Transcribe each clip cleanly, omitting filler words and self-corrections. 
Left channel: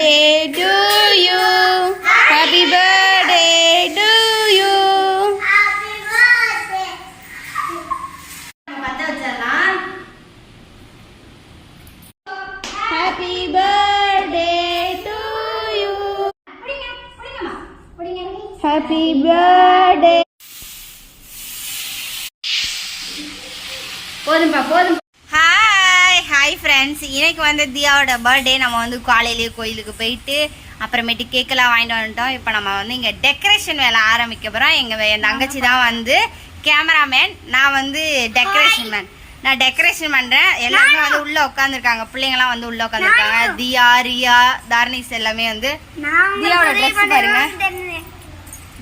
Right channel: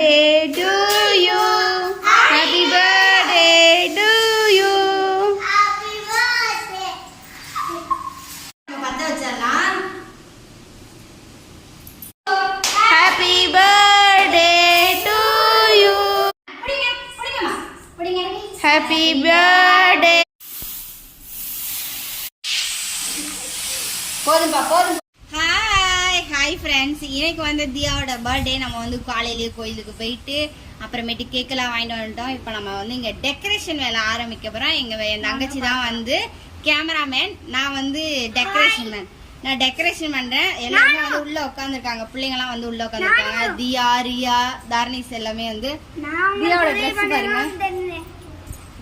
birthday to you. Happy birthday to you. Happy birthday. பத்த வச்சறலாம். Happy birthday to you. புடிங்க. Happy birthday. போதும். Hi friends, இன்னைக்கு வந்து தியாவோட birthday. நம்ம வந்து காலையிலேயே கோயிலுக்கு போயிட்டு அப்புறமேட்டு கேக்கெல்லாம் வாங்கிட்டு வந்துட்டோம். இப்போ நம்ம வந்து இங்கே டெக்கரேஷன் வேலை ஆரம்பிக்க போகிறோம். என் தங்கச்சி தான் வந்து கேமராமேன், நான் வந்து டெக்கரேஷன் மேன். நான் டெக்கரேஷன் பண்ணுறேன். எல்லாருமே வந்து உள்ளே உட்காந்துருக்காங்க, பிள்ளைங்களாம் வந்து உள்ளே உட்காந்துருக்காங்க. தியா, ரியா, தார்னிஸ் எல்லாமே வந்து. தியாவோட ட்ரெஸ் பாருங்க,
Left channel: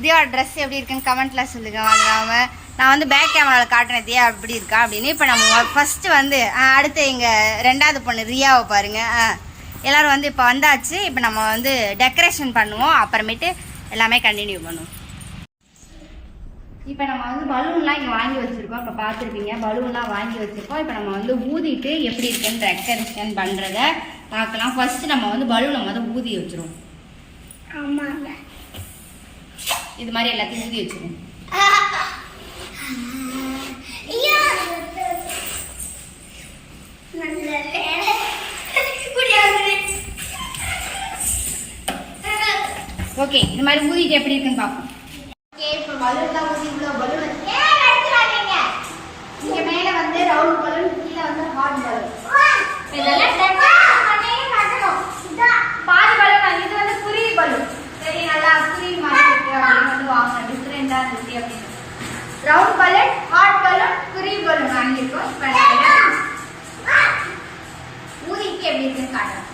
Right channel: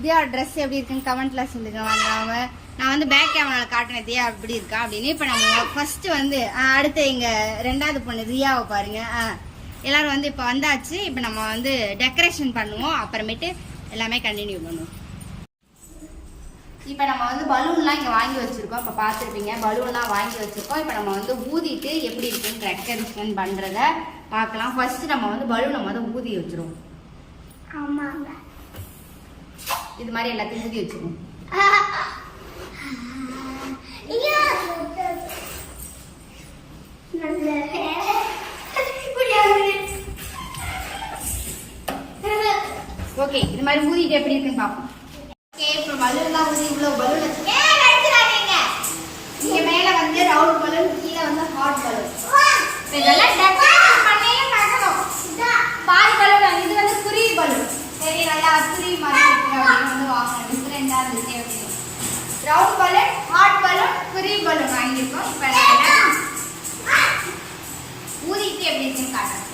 தியாவோட ட்ரெஸ் எப்படி இருக்குன்னு கமெண்ட்ல சொல்லுங்க. வாங்காம நான் வந்து பேக் கேமராவில் காட்டுறேன் தியா எப்படி இருக்கா அப்படின்னு. இப்போ நம்ம ஃபர்ஸ்ட் வந்து அடுத்து எங்கள் ரெண்டாவது பொண்ணு ரியாவை பாருங்க. எல்லாரும் வந்து இப்போ வந்தாச்சு. இப்போ நம்ம வந்து டெக்கரேஷன் பண்ணுவோம், அப்புறமேட்டு எல்லாமே கண்டினியூ பண்ணுவோம். இப்போ நம்ம வந்து பலூன்லாம் இங்கே வாங்கி வச்சுருக்கோம். இப்போ பார்த்துருப்பீங்க, பலூன்லாம் வாங்கி வச்சுருக்கோம். இப்போ நம்ம வந்து ஊதிட்டு எப்படி இருக்குன்னு டெக்கரேஷன் பண்ணுறத பார்க்கலாம். ஃபர்ஸ்ட் நம்ம வந்து பலூனை வந்து ஊதி வச்சுருவோம். ஆமாங்க, இது மாதிரி எல்லாத்தையும் ஊதி வச்சுருவோம். ஓகே, இது மாதிரி ஊதிட்டு எப்படி இருக்குன்னு பார்ப்போம். ஓகே, இப்போ பலூன்லாம் ஊதி இவ்வளோ பலூன் வச்சுருக்கேன். இங்கே மேலே வந்து ரவுண்ட் பலூன், கீழே வந்து ஹாட் பலூன். இதெல்லாம் டெக்கரேஷன் பண்ணியே பார்க்கணும். பால் பலூன், இது வந்து குருவி பலூன். சரி, நல்லா குருவி மாதிரி இருக்கு அப்படின்னு வந்து வாங்கணும். டிஃப்ரெண்டாக இருந்துச்சு அப்படின்னு. ரவுண்ட் பலூன், ஹாட் பலூன், குருவி பலூன் வாங்கியிருக்கோம். இப்போ ஊதிட்டு எப்படி இருக்குன்னு காட்டுறேன்.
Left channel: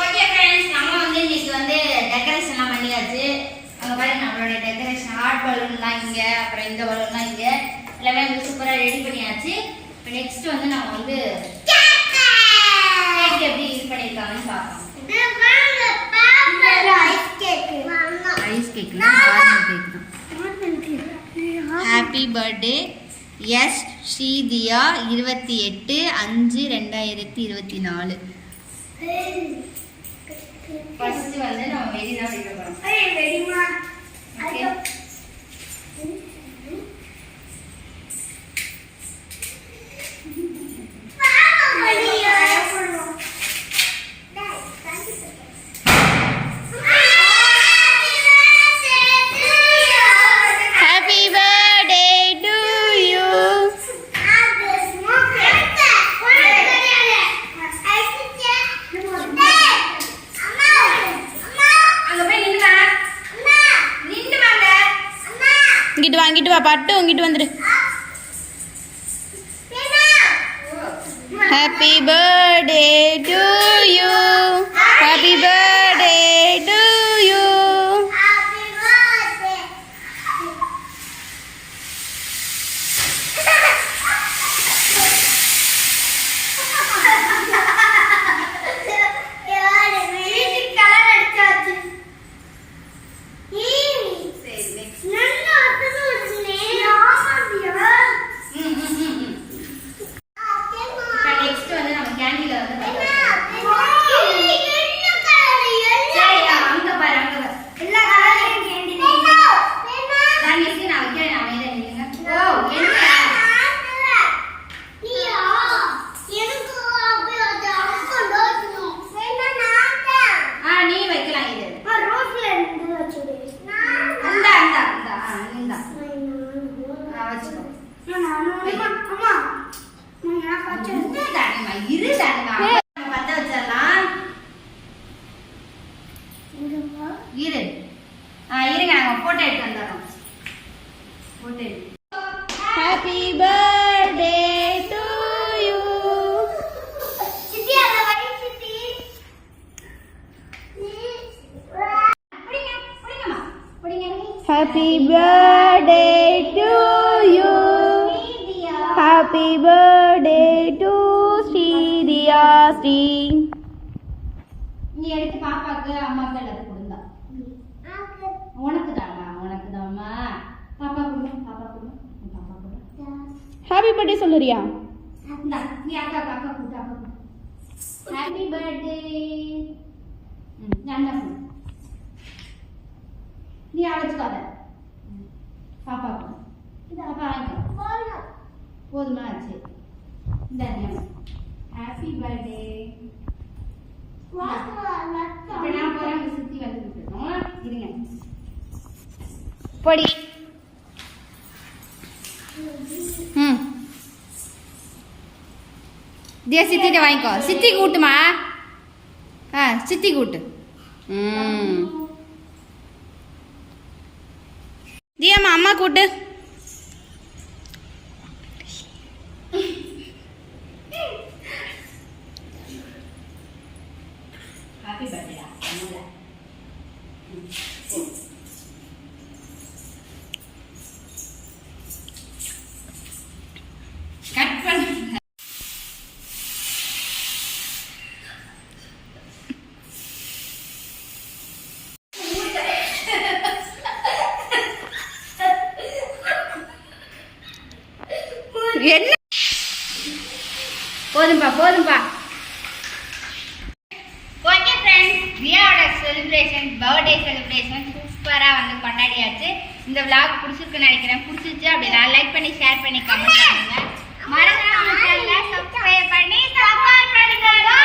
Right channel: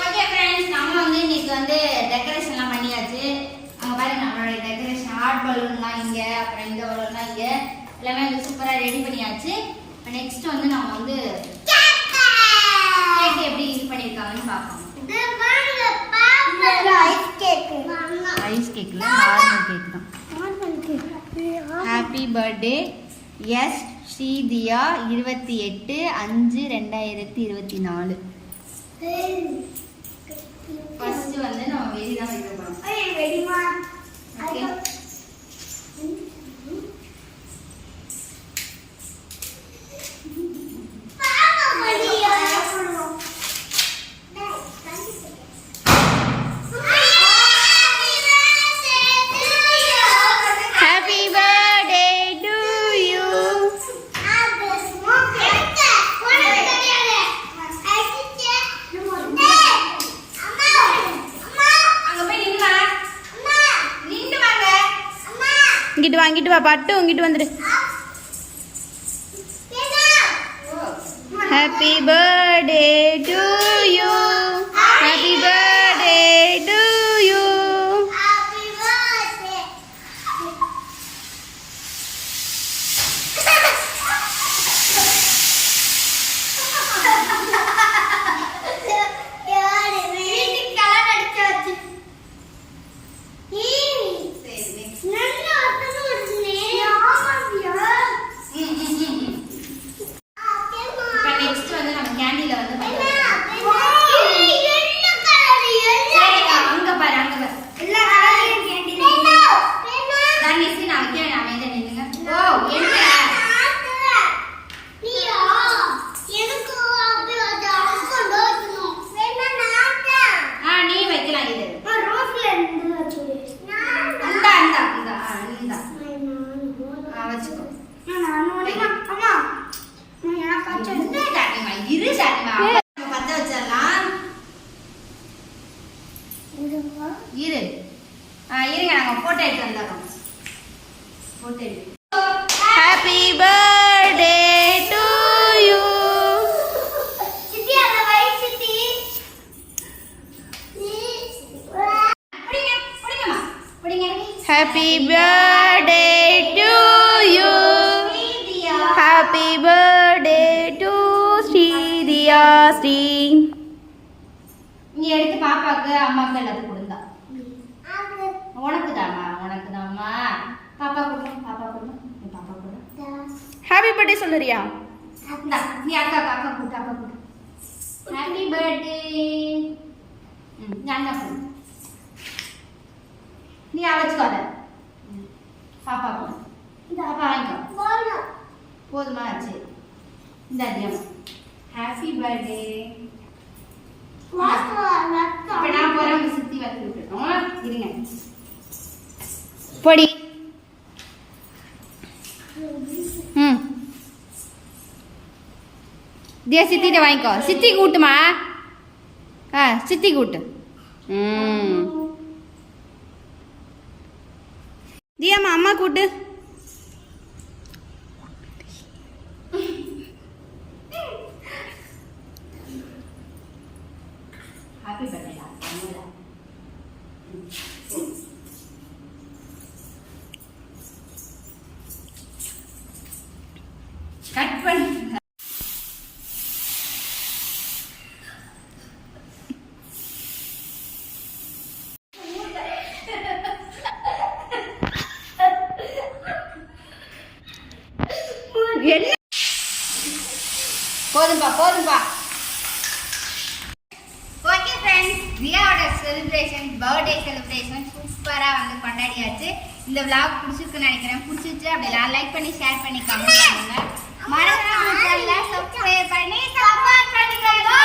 ஓகே ஃப்ரெண்ட்ஸ், நம்ம வந்து இன்னைக்கு வந்து டெக்கரேஷன்லாம் பண்ணியாச்சு. அங்கே பாருங்க, நம்மளோட டெக்கரேஷன் ஹாட் பலூன்லாம் இங்கே, அப்புறம் இந்த பலூன்லாம் இங்கே, எல்லாமே வந்து சூப்பராக ரெடி பண்ணியாச்சு. இப்போ நெக்ஸ்ட் வந்து நம்ம வந்து கேக் எப்படி இது பண்ணியிருக்காங்கன்னு பார்ப்போம். ஐஸ் கேக் நார்மல் கேக் தான். Happy birthday S Srithiya 28/5/2024. First வந்து நம்ம வெடி தான் வைக்க போறோம். வெடிமா ஓகே. இங்கிட்டு வா பட்டு, இங்கிட்டு வந்துடு. Happy birthday to you. Happy birthday to you. இருங்க, நாங்க போட்டோ எடுத்து வந்துடுறோம். Happy birthday to you. Happy birthday to you. Happy birthday to Srithiya. Sri நீ எடுத்து பாப்பாக்கு அம்மாக்கு எல்லாத்துக்கும் கொடுங்க. உனக்கு தாமா, உனக்கு தாமா. பாப்பா கொடுங்க, பாப்பா கொடுங்க, பாப்பா கொடுங்க. ஹாப்பி பர்த்டே சொல்லுறியா? நீ அக்கா கூட்டு, அக்கா கூட்டு. Happy birthday. நீ அழைச்சுக்காத பாப்பா பாப்பா வாங்கிக்கோ போதுமா சரி இந்த அதிகமா ஹாப்பி பர்த்டே இப்போ நான் போகிறேன் சுற்றி வந்து விட்டுட்டோம் இருங்க பொடி ம் தியா சித்திட்ட வாங்கிக்கோ சித்தி கூட்டுமா சித்தி கூட்டு தியாமா அம்மா கூட்டு ஹாப்பி பர்த்டேடா கட் பண்ணு என்ன போதும்பா ஓகே ஃப்ரெண்ட்ஸ் தியாவோட செலிப்ரேஷன் பர்த்டே செலிப்ரேஷன் சூப்பராக வந்து கொண்டாடியாச்சு இந்த விளாக் பிடிச்சிருக்குன்னு நினைக்கிறேன் பிடிச்சிருச்சு அப்படி நான் லைக் பண்ணி ஷேர் பண்ணி கமெண்ட் பண்ணுங்க மறக்காம சப்ஸ்கிரைப் பண்ணி சப்போர்ட் பண்ணுங்க